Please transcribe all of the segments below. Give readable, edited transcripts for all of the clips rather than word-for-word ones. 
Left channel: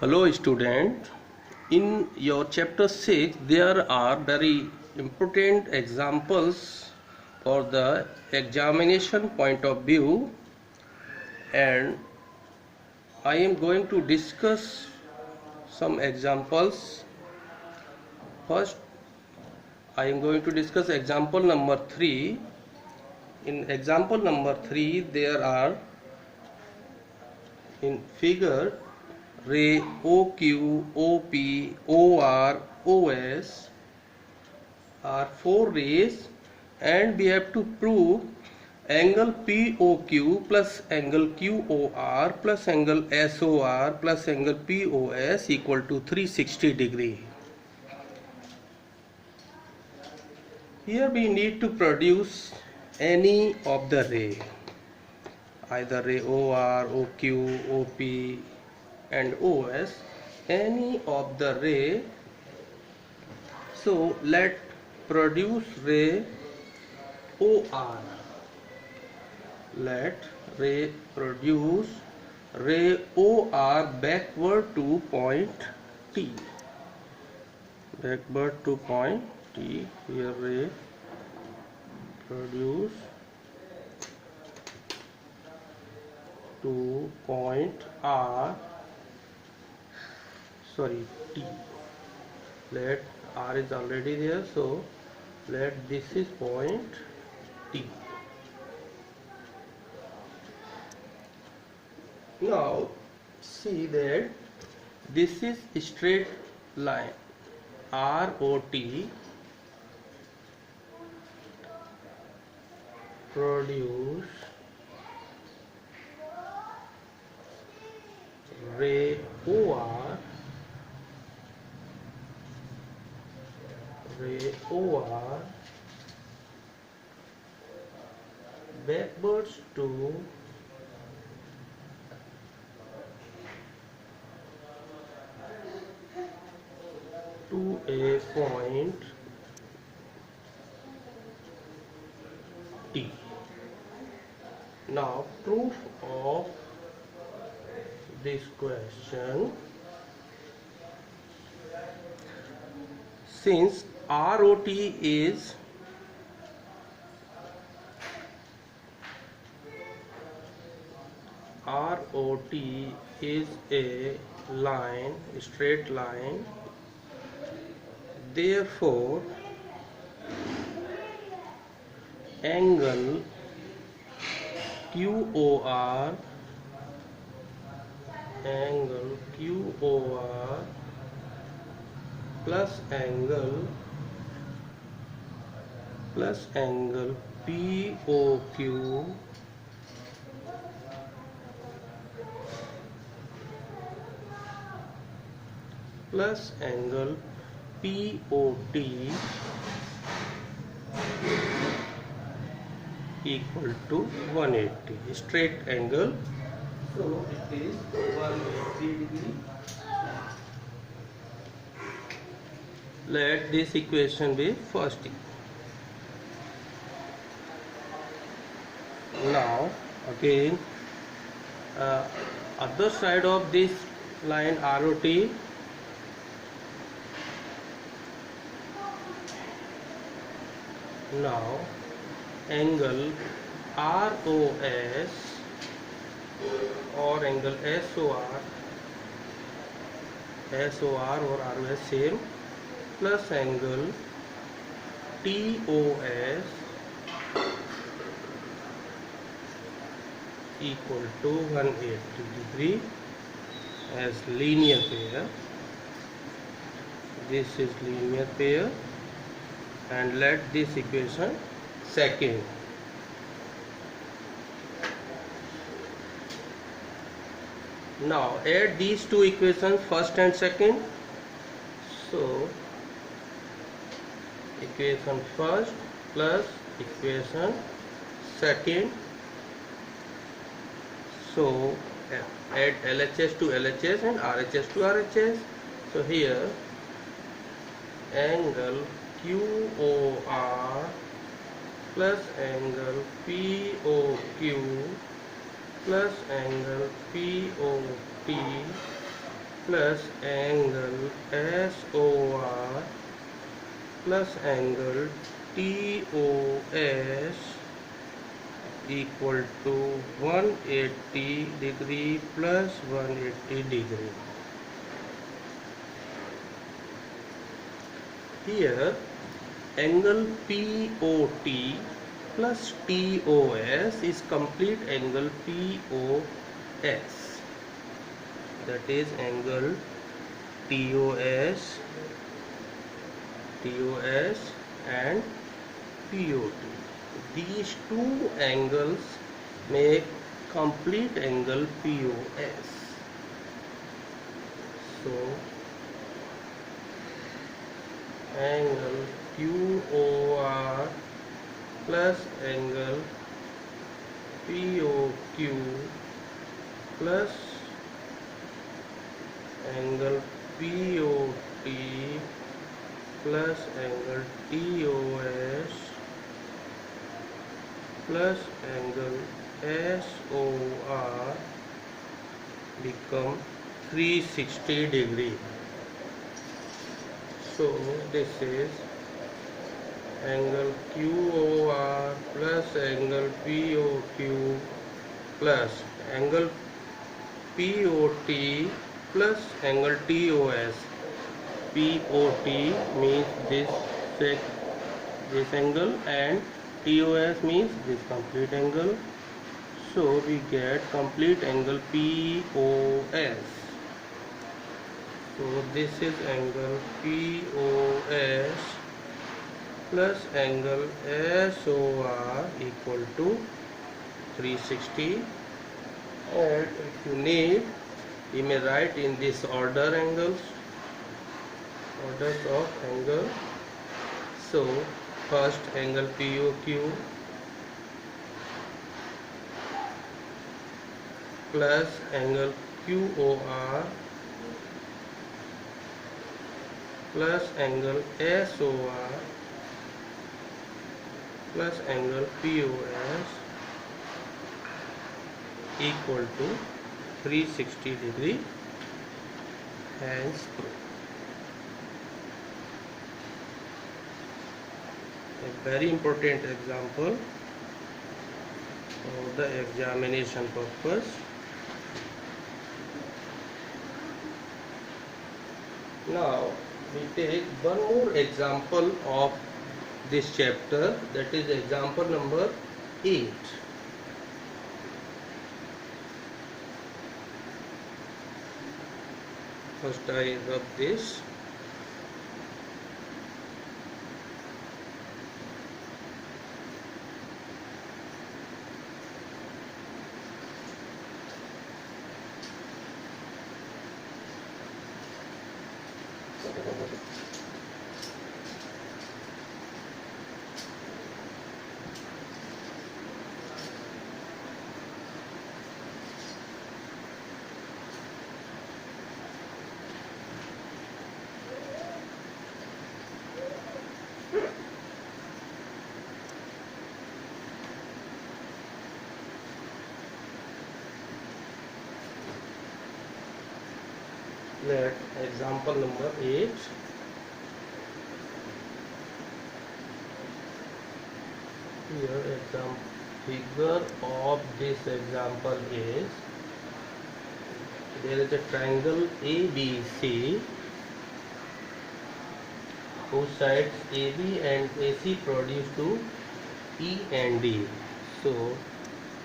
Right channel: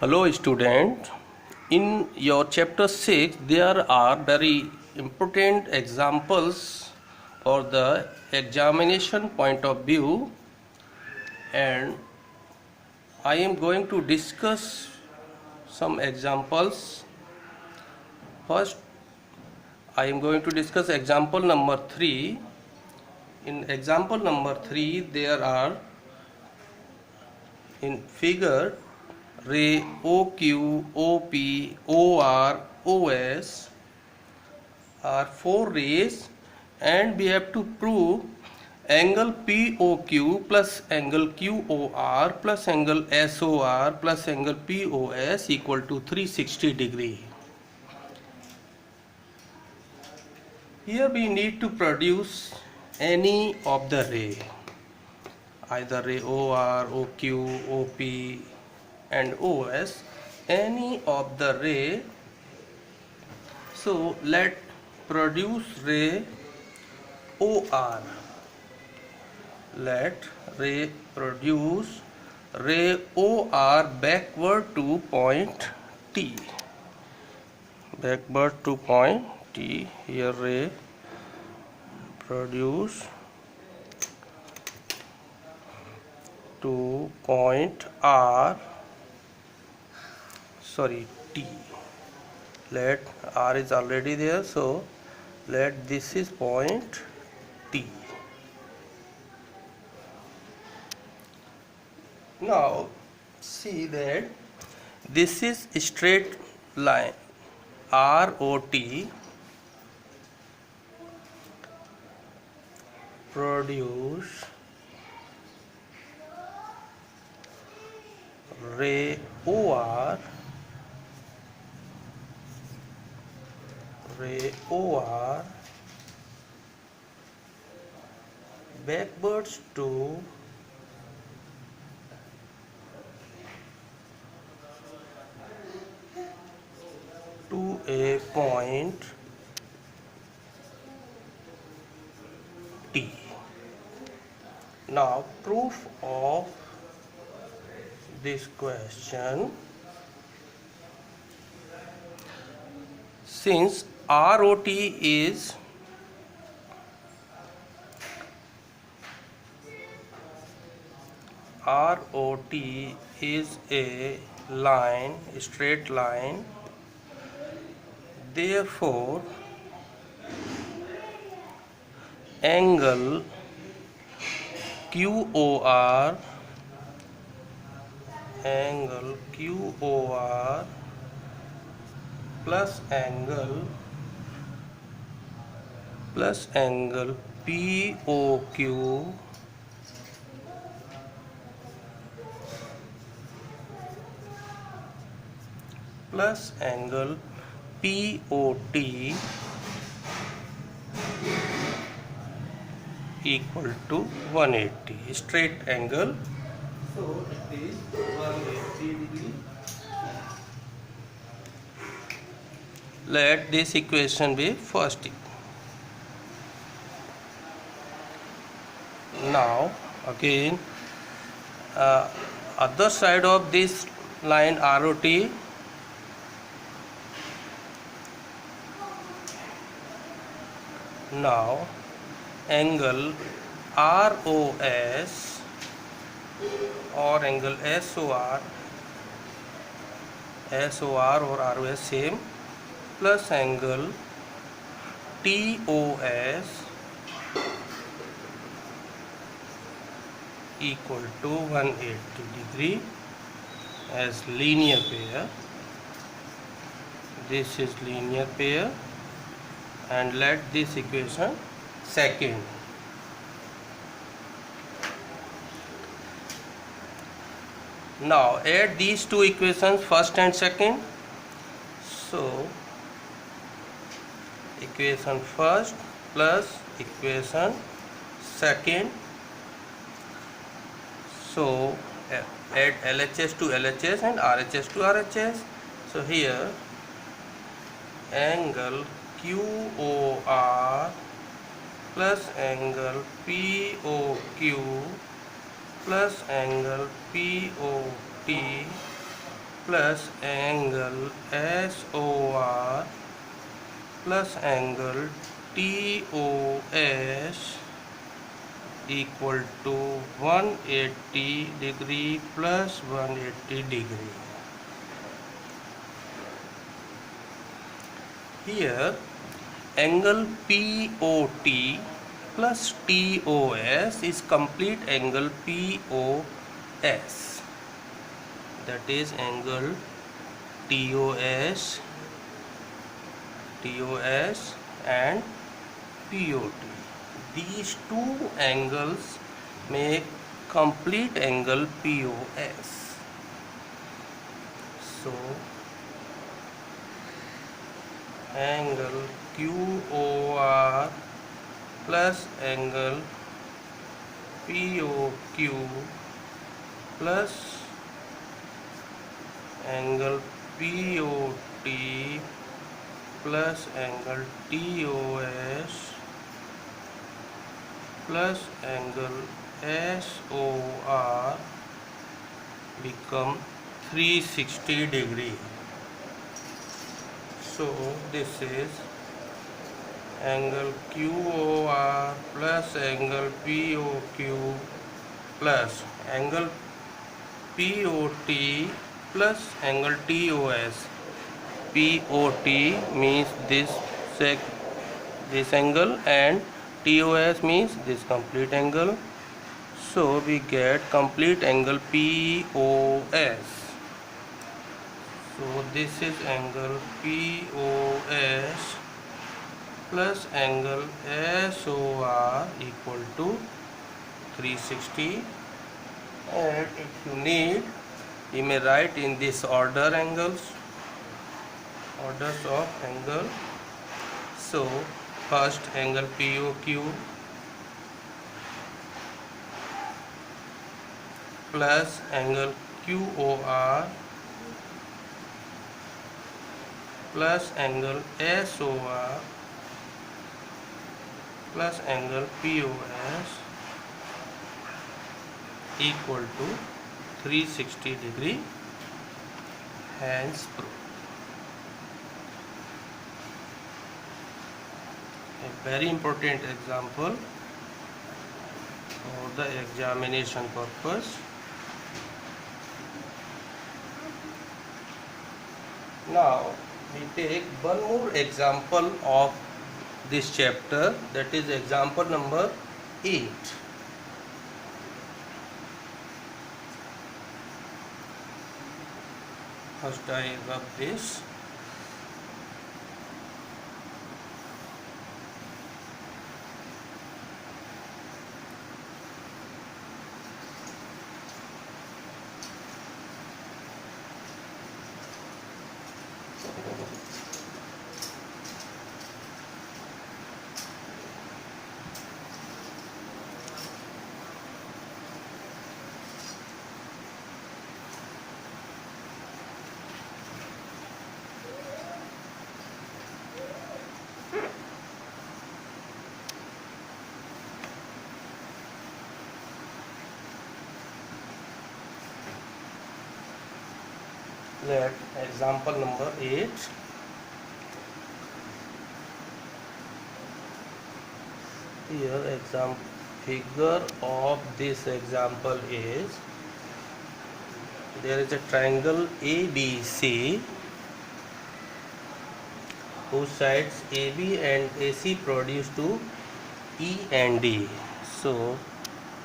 Hello student, in your chapter 6 there are very important examples for the examination point of view, and I am going to discuss some examples. First, I am going to discuss example number 3. In example number 3 there are in figure ray OQ, OP, OR, OS are 4 rays, and we have to prove angle POQ plus angle QOR plus angle SOR plus angle POS equal to 360 degree. Here we need to produce any of the ray, either ray OR, OQ, OP and OS, any of the ray. So let produce ray OR. Let ray produce ray OR backward to point T. Backward to point T. Here ray produce to point R. Sorry, T. Let R is already there, so let this is point T. Now see that this is a straight line ROT produce ray OR backwards to a point T. Now proof of this question: since ROT is a line, straight line, therefore angle QOR plus angle POQ plus angle POT equal to 180, straight angle, so it is 180 degree. Let this equation be first. Now again other side of this line ROT, now angle ROS or angle SOR or ROS same, plus angle TOS equal to 180 degree as linear pair. This is linear pair, and let this equation second. Now add these two equations, first and second. So equation first plus equation second. So add LHS to LHS and RHS to RHS. So here angle QOR plus angle POQ plus angle POT plus angle SOR plus angle TOS equal to 180 degree plus 180 degree. Here angle POT plus TOS is complete angle POS, that is angle TOS and POT. These two angles make complete angle POS. So angle QOR plus angle POQ plus angle POT plus angle TOS plus angle SOR become 360 degree. So this is angle QOR plus angle POQ plus angle POT plus angle TOS. POT means this angle and TOS means this complete angle. So we get complete angle POS. So this is angle POS plus angle SOR equal to 360, and if you need you may write in this orders of angle. So first angle POQ plus angle QOR plus angle SOR plus angle POS equal to 360 degree, hence proof. A very important example for the examination purpose. Now we take one more example of this chapter, that is example number 8. First I rub this. Let example number 8. Here example figure of this example is, there is a triangle ABC whose sides AB and AC produce to E and D. So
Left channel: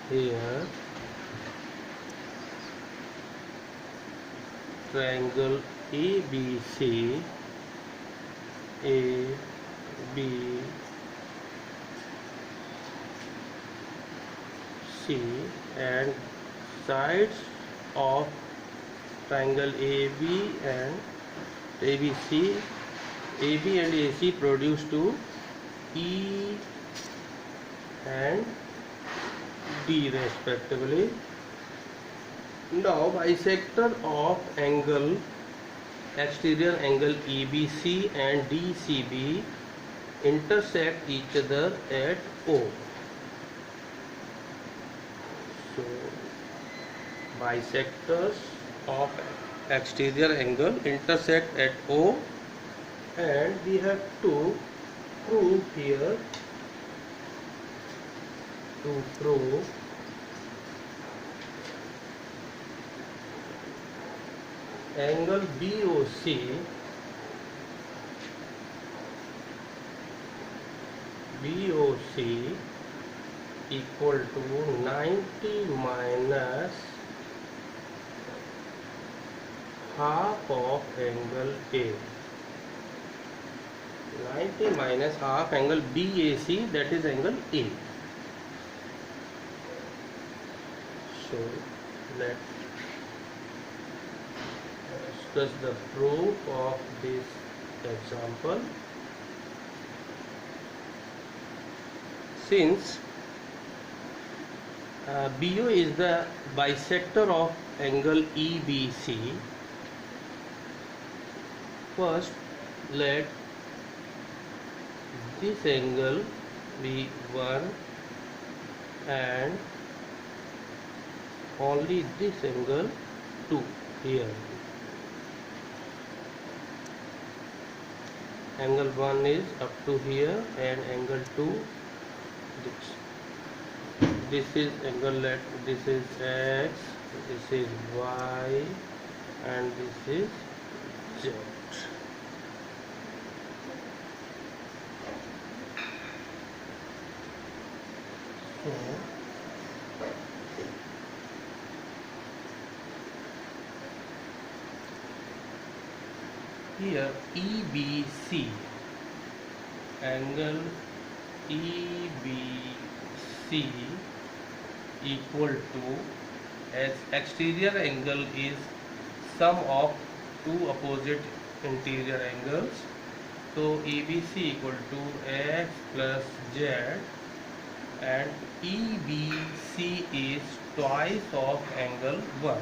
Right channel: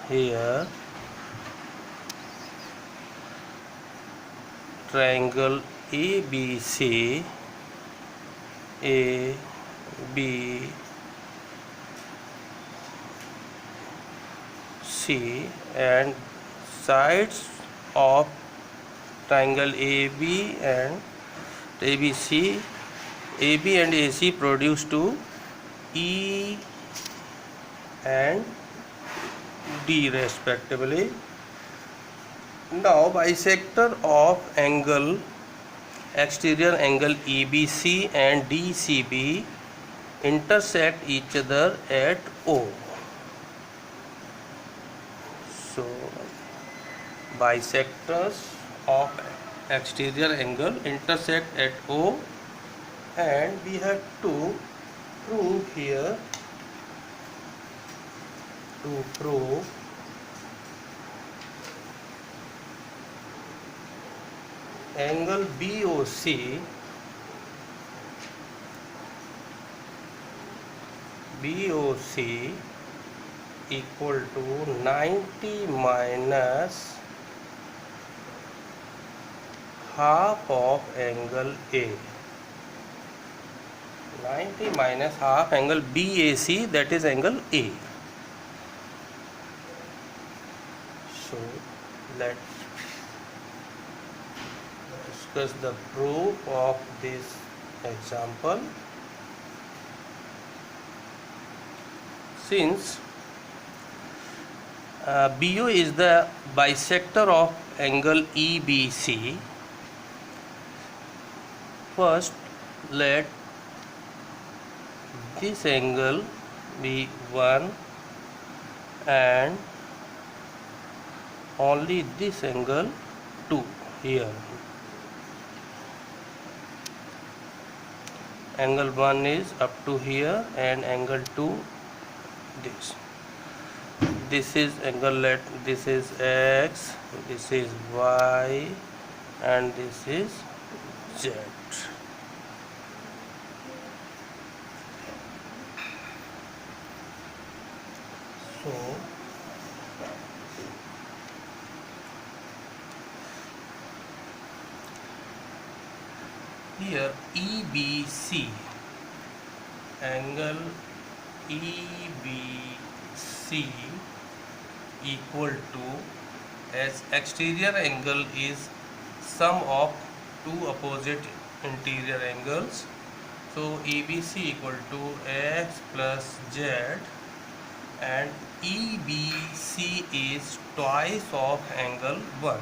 here triangle ABC, ABC and sides of triangle AB and ABC, AB and AC produce to E and D respectively. Now bisector of angle exterior angle EBC and DCB intersect each other at O. So bisectors of exterior angle intersect at O, and we have to prove here, to prove angle BOC equal to 90 minus half of angle A. 90 minus half angle BAC, that is angle A. So let's discuss the proof of this example. Since BO is the bisector of angle EBC, first let this angle be 1 and only this angle 2 here. Angle 1 is up to here and angle 2 this. This is angle, this is X, this is Y, and this is Z. So here EBC, angle EBC equal to, as exterior angle is sum of two opposite interior angles, so EBC equal to X plus Z, and EBC is twice of angle 1.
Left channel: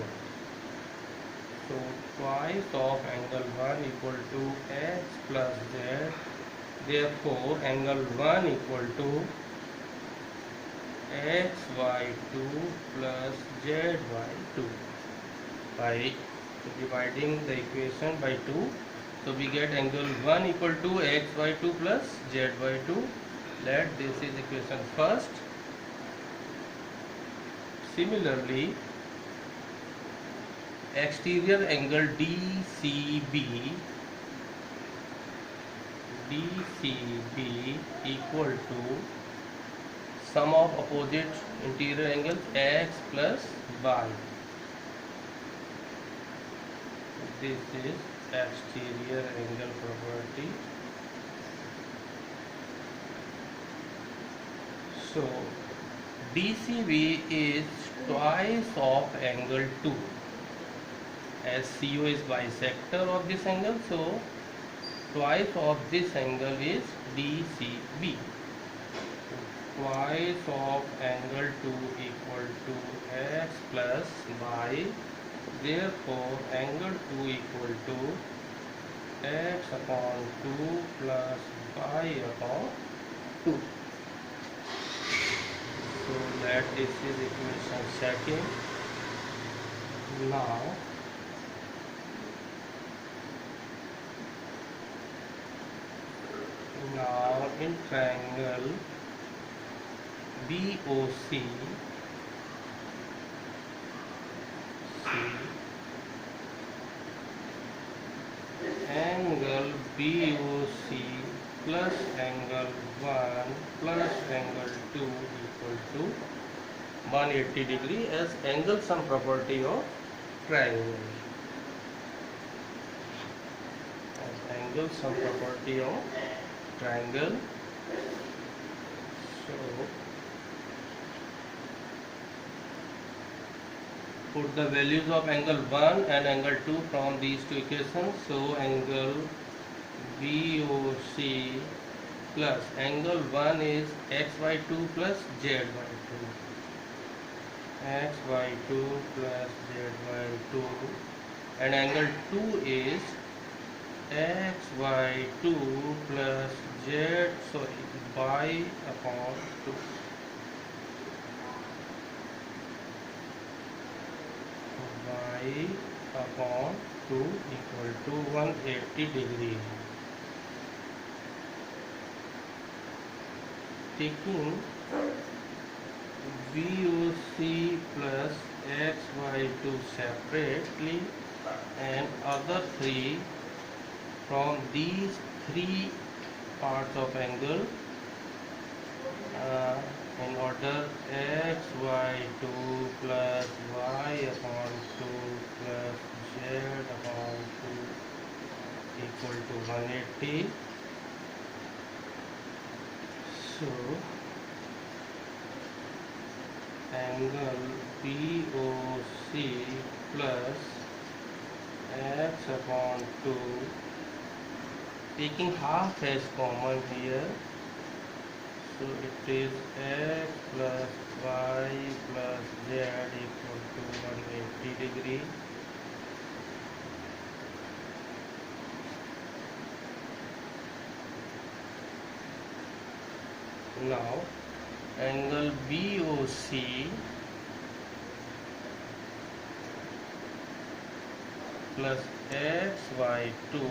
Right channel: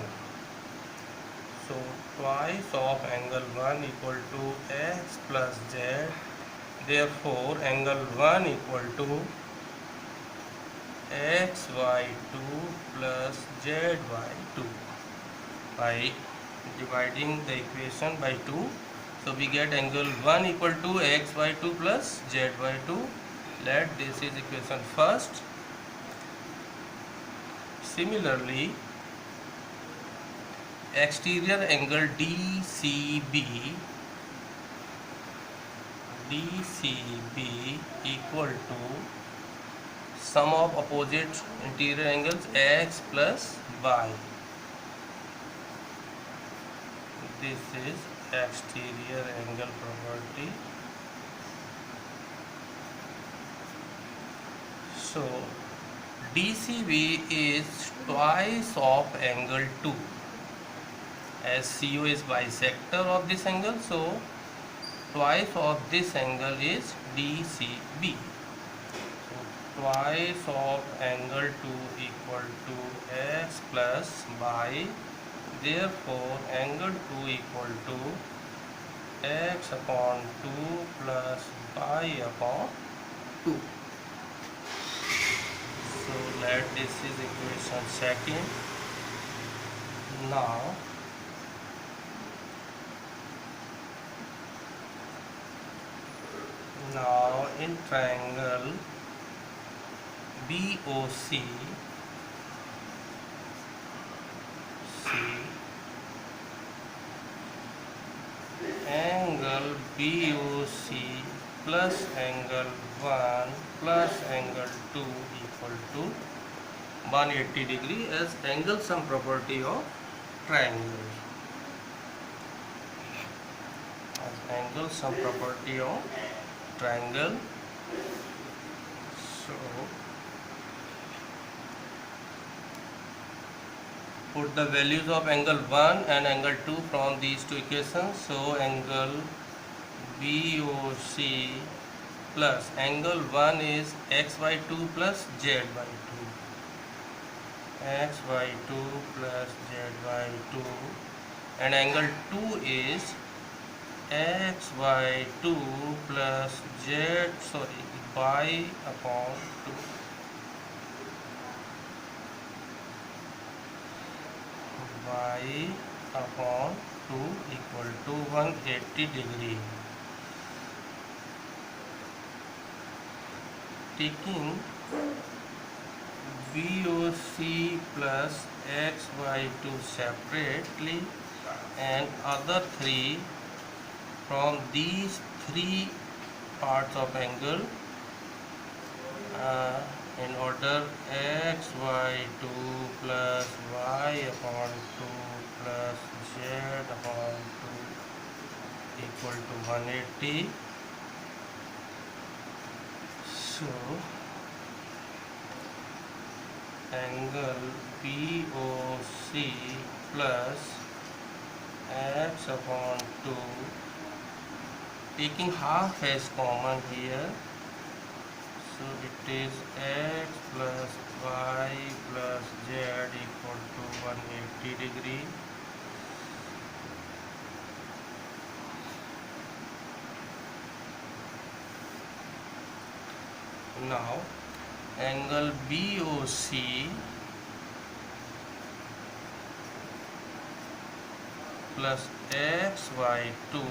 So twice of angle 1 equal to X plus Z. Therefore angle 1 equal to XY2 plus ZY2. By dividing the equation by 2, so we get angle 1 equal to XY2 plus ZY2. Let this is equation first. Similarly, exterior angle DCB equal to sum of opposite interior angles X plus Y. This is exterior angle property. So DCB is twice of angle 2. As CO is bisector of this angle, so twice of this angle is DCB. Twice of angle 2 equal to X plus Y. Therefore angle 2 equal to X upon 2 plus Y upon 2. So let this is equation second. Now in triangle BOC, angle BOC plus angle 1 plus angle 2 equal to 180 degree as angle sum property of triangle. Angle sum property of triangle. So put the values of angle 1 and angle 2 from these two equations. So angle BOC plus angle 1 is XY2 plus ZY2. XY2 plus ZY2, and angle 2 is XY2 plus Y upon 2. Y upon 2 equal to 180 degree. Taking BOC plus XY2 separately and other three from these three parts of angle in order XY2 plus Y upon 2 plus Z upon 2 equal to 180. So angle BOC plus X upon 2, taking half as common here, so it is X plus Y plus Z equal to 180 degree. Now angle BOC plus XY2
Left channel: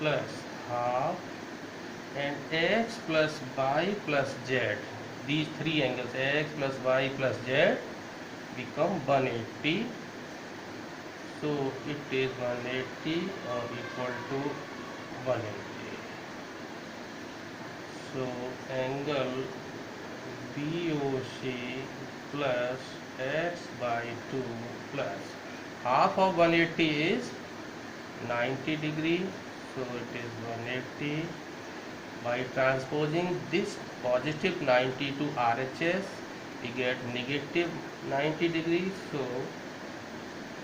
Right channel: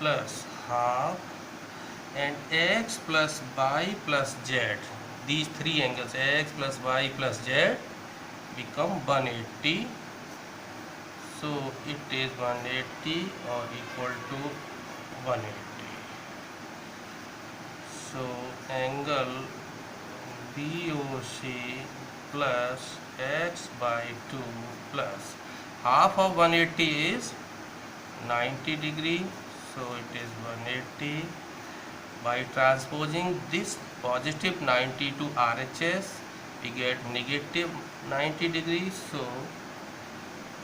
plus half and X plus Y plus Z, these three angles X plus Y plus Z become 180. So it is 180 or equal to 180. So angle BOC plus X by 2 plus half of 180 is 90 degree. So it is 180. By transposing this positive 90 to RHS, we get negative 90 degrees. So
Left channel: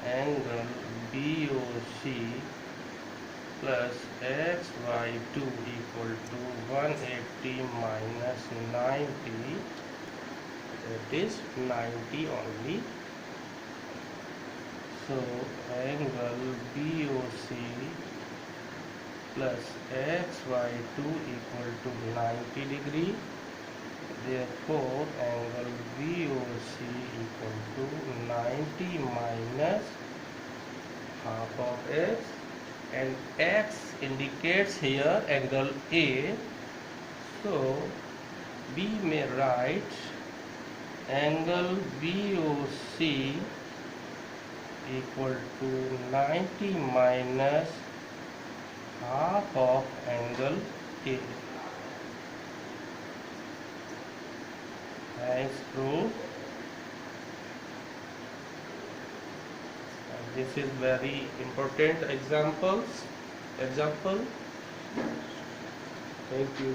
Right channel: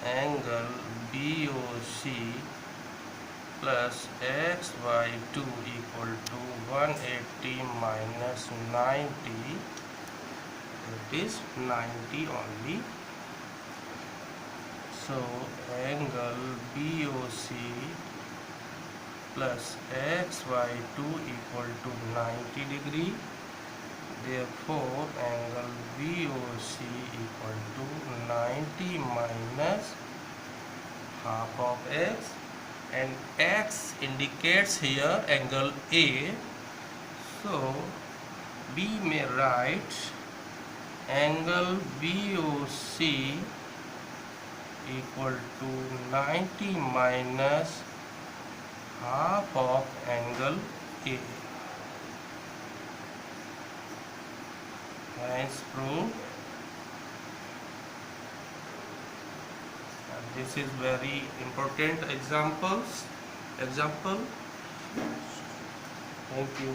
angle BOC plus XY2 equal to 180 minus 90, it is 90 only. So angle BOC plus XY2 equal to 90 degree. Therefore angle BOC equal to 90 minus half of X, and X indicates here angle A. So we may write angle BOC equal to 90 minus half of angle A. As proved. This is very important example. Thank you.